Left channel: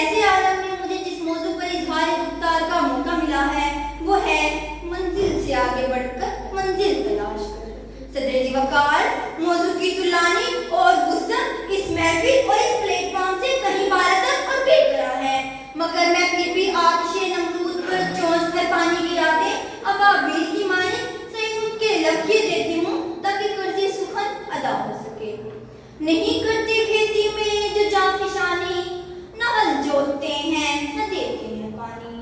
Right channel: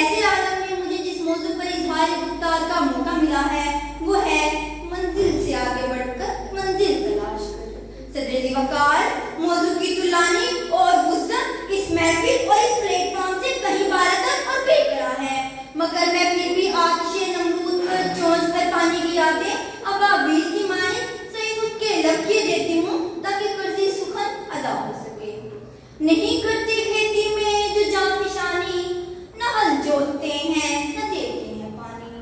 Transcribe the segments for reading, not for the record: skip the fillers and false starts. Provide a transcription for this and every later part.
ऐसे आलम में मुझे जिस मौजू पर इजहार गुफ्तार का मौका मिला है वो है मंजिल से आगे बढ़कर मंजिल तलाश कर। सदर वकार, मौजू की तुलानी और वुसअत इस महफिल और इस प्लेटफॉर्म से कहीं बारतर और बेकरार है, मगर मैं फिर भी आतिशे नमरूद पर चोंच कर पानी गिराते अबाबील की माने सही उठ के लपके देती हूँ ताकि कर्ज़े सुखन अदा हो सके। नहीं करते खेती में जो जान फिशानी, न हल जोतते हैं न देते हैं पानी,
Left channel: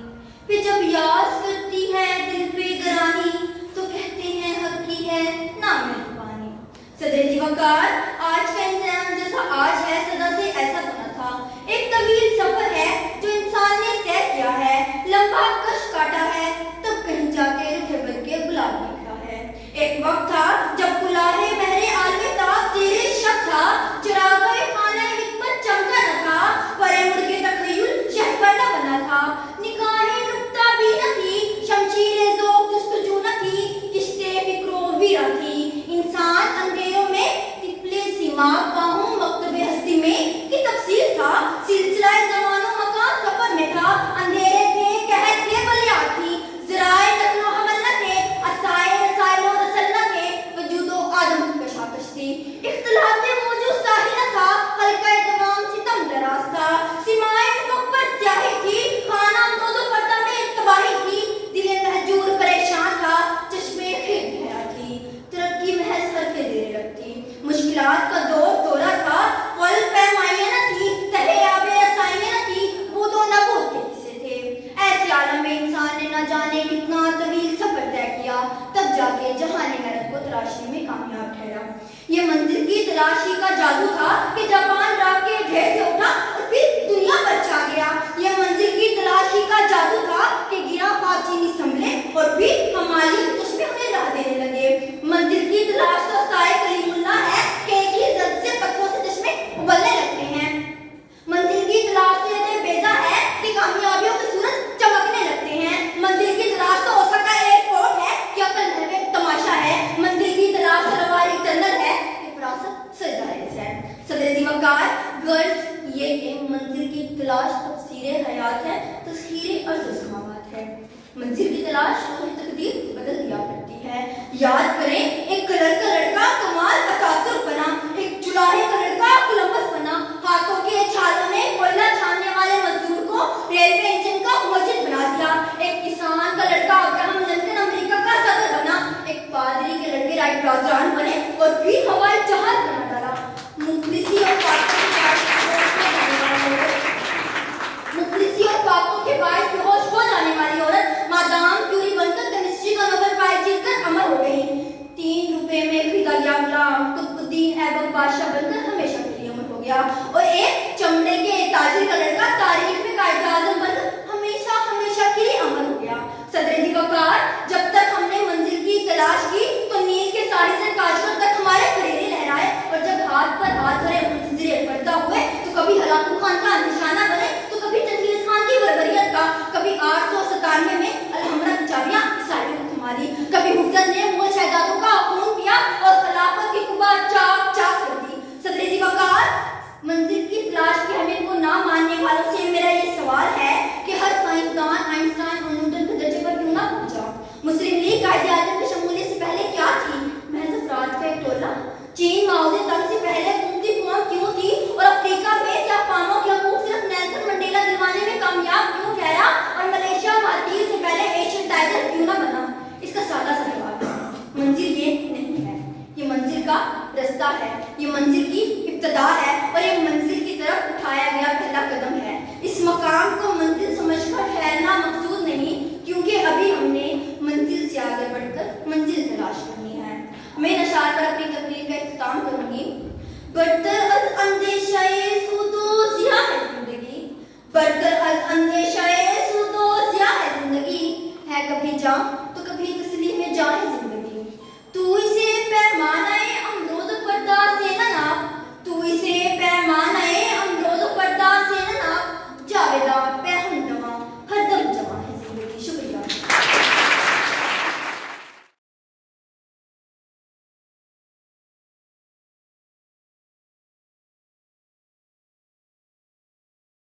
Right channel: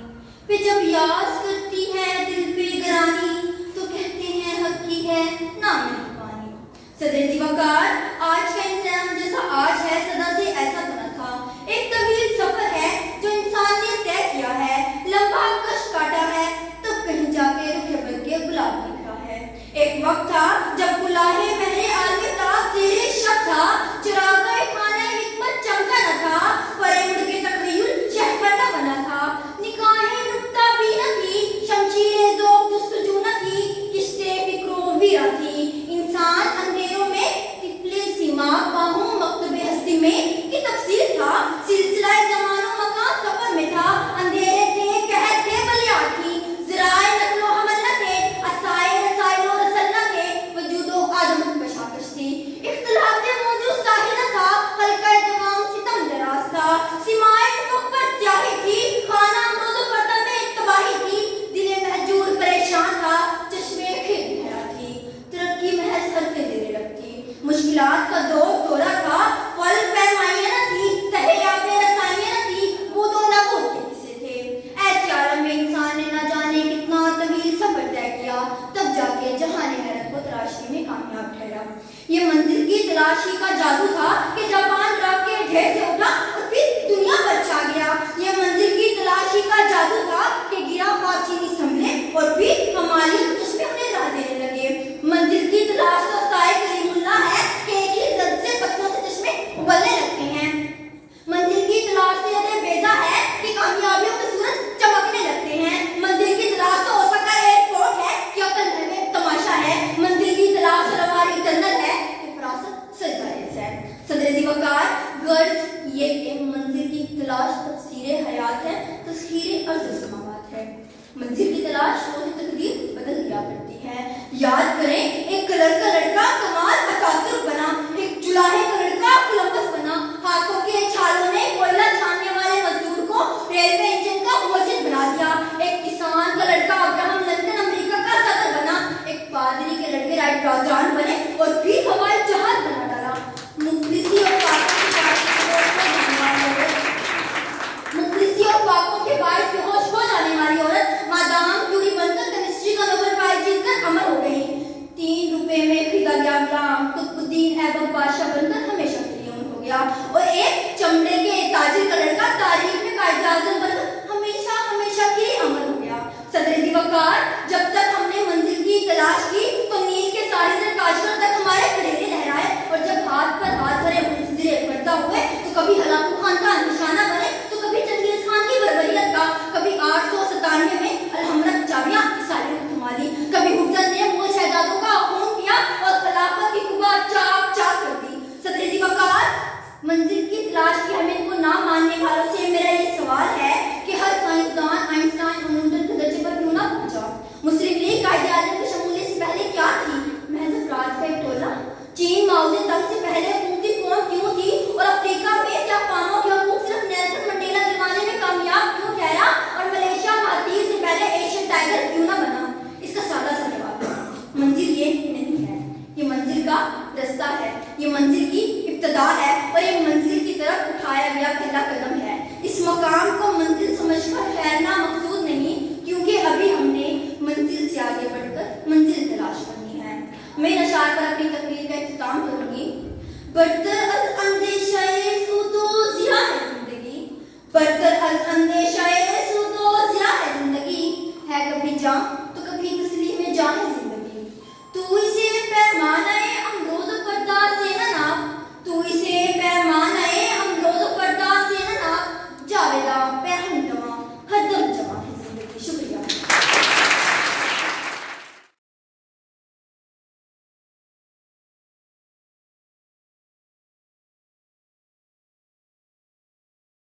फिर जब याद करती है दिल पे गरानी तो कहते हैं हक की है ना मेहरबानी। सदर वकार, आज का इंसान जैसा आज है सदा से ऐसा बना था। एक तवील सफर है जो इंसान ने तय किया है, लंबा कश काटा है, तब कहीं जाके रुखे बन के गुलाब देखा है। एक वक्त था जब गुलाहे महरे आलमे ताब ज़ेरे शब था, चुराग़े खाने हिकमत चमका न था, परे मुड़ के तख़य्युल शहपर न बना था, निगाहें नुक्ता भी न थी, शमशीरे ज़ोक़ जुस्तजू न थी, किश्ते फ़िक्रो वीरा थी। इंसान अंधेरों में तिफले सिमाक बाहों मकतबे हस्ती में की तफसीर था, सिलसिला ज़मानों मकान सफर में था, अंधेरे थे कहर थे बलियात थी, ज़राए नक़्लो हमल न थे, असाए रसाइलो रसल न थे, वजूदो आदम की कशाकश थी। इख्तिलाते मौजूद साहिल न था, हल्का दवाम सितम दराज था, सिमाए मुकब्बर स्याही थी, खाना अंदोज़ो फर्दा में तबाही थी, दिले महजूर परेशान था, चश्मे खिर गहरा थी, तरक्की महज हरफ़े ज़ेरे रखती, मुश्किलात का दौर दौरा था, फल पैमाइयाँ न थी, तहयाबे रसाइयाँ न थी, बूदो नबूद के किस्से थे। ऐसे आलम में इंसान ने न जाने कितना तवील सफर तय किया, तब जाके जहाने हैरत को तलाशने में कामयाब ठहरा। ये मंजिल की तलाशी का जादू था कि जापान रात के ढेर से उठा और फिर दुनिया पर छा गया। ये मंजिल की तलाशी का जादू था कि गिरा चीनी संभले और फिर हमारी चश्मे उन्हें राह देने लगे। मंजिल की तलाश तो साए कलीमुल्लाह है कि एक ही जद से पत्थरों से चश्मे उबलने लगते हैं। मंजिल की तलाश तो ये बेजा है कि कामयाबियों के सूरज चमकने लगते हैं। मंजिल की तलाश तो हो सकता है एयरपोर्ट है कि अकल में तमाशा है। मंजिल की तलाश सलवारी टनल है कि फरासत सजाए है। सदर वकार, गर्ज ये कि मंजिल की तलाश तफसीरे हयात है, तस्खीरे अर्ज़ समावात है। मंजिल की तलाश रोज़ तकदीर बदल दिया करती है। याद करें, एक कलर का लड़का कमाल अतातुर्क बना, एक चुलाहे का लड़का कोलंबस बना, हाथों के छालों ने कोयला छानने वाले मजदूर को रेलवे इंजन का मुअज्जिद बना दिया। एक किसान का लड़का अब्राहम लिंकन अमेरिका का सदर बना, एक पादरी के लड़के राइट ब्रॉडबैंड बने और फिर हवाई जहाज बना डाला। मुखलिसी और फाकों के बाइस बेहोश हो जाने वाली औरत मादाम क्यूरी बनकर केमिस्ट्री का नोबेल प्राइज जीतकर अमर हो गई। 3 रुपए में खरीदा गया गुलाम कुतुबुद्दीन ऐबक बादशाह बनकर हमेशा के लिए अमर हो गया। और एक चमड़े के ताजिर का लड़का तारीख में कायदे आज़म बनकर हमेशा हमेशा के लिए अमर हो गया। सदर वकार, जब तक हमने मंजिल की तलाश की तो नील के साहिल से काशगर तक हमारे फरेरे लहराए, और जब हाथ पर हाथ धरे मुजरिम पर्दा हुए तो कभी हलाकू खान का निशाना बने तो कभी चंगेज खान की बर्बरियत का, कभी 897 में अलहमरा की चाबियां ईसाइयों को थमा ली, कभी हुज्जत ने मुगल शहजादों का खून पिया और खिलाफत की कुबा चाक चाक कर दी। सदर वकार, मंजिल की तलाश की हमें को ना मानने वालों से मेरा ये सवाल है कि हर साइंसदान आइंस्टाइन और न्यूटन के दर्जे पर क्यों ना पहुंचा? मुस्लिम लीग कायदे आज़म की शमूलियत से पहले क्या थी? महज अफराद का एक टोला। चीन माओ ज़ेडुंग से पहले कुंती कौम क्यों थी? और अफ्रीका में जापानों के हकूक सिर्फ नेल्सन मंडेला दिलवाने में कामयाब क्यों ठहरा? और मलेशिया महाद्वीप से पहले एशियन टाइगर क्यों ना बना? इसका सादा सा जवाब है, मंजिल ये नहीं है, ये मंजिल का रास्ता है, ये मंजिल की इब्तिदा है और ये मंजिल की तरफ उठाया गया पहला कदम है। इस मकाम को मंजिल समझकर ठहरना मकसूद नहीं, क्योंकि अभी हमने मंजिल से आगे बढ़कर मंजिल तलाश करनी है। मैं इन अशार पर अपनी तकरीर का इख्तिताम करूंगी। बरतर अज़ अंदेशाए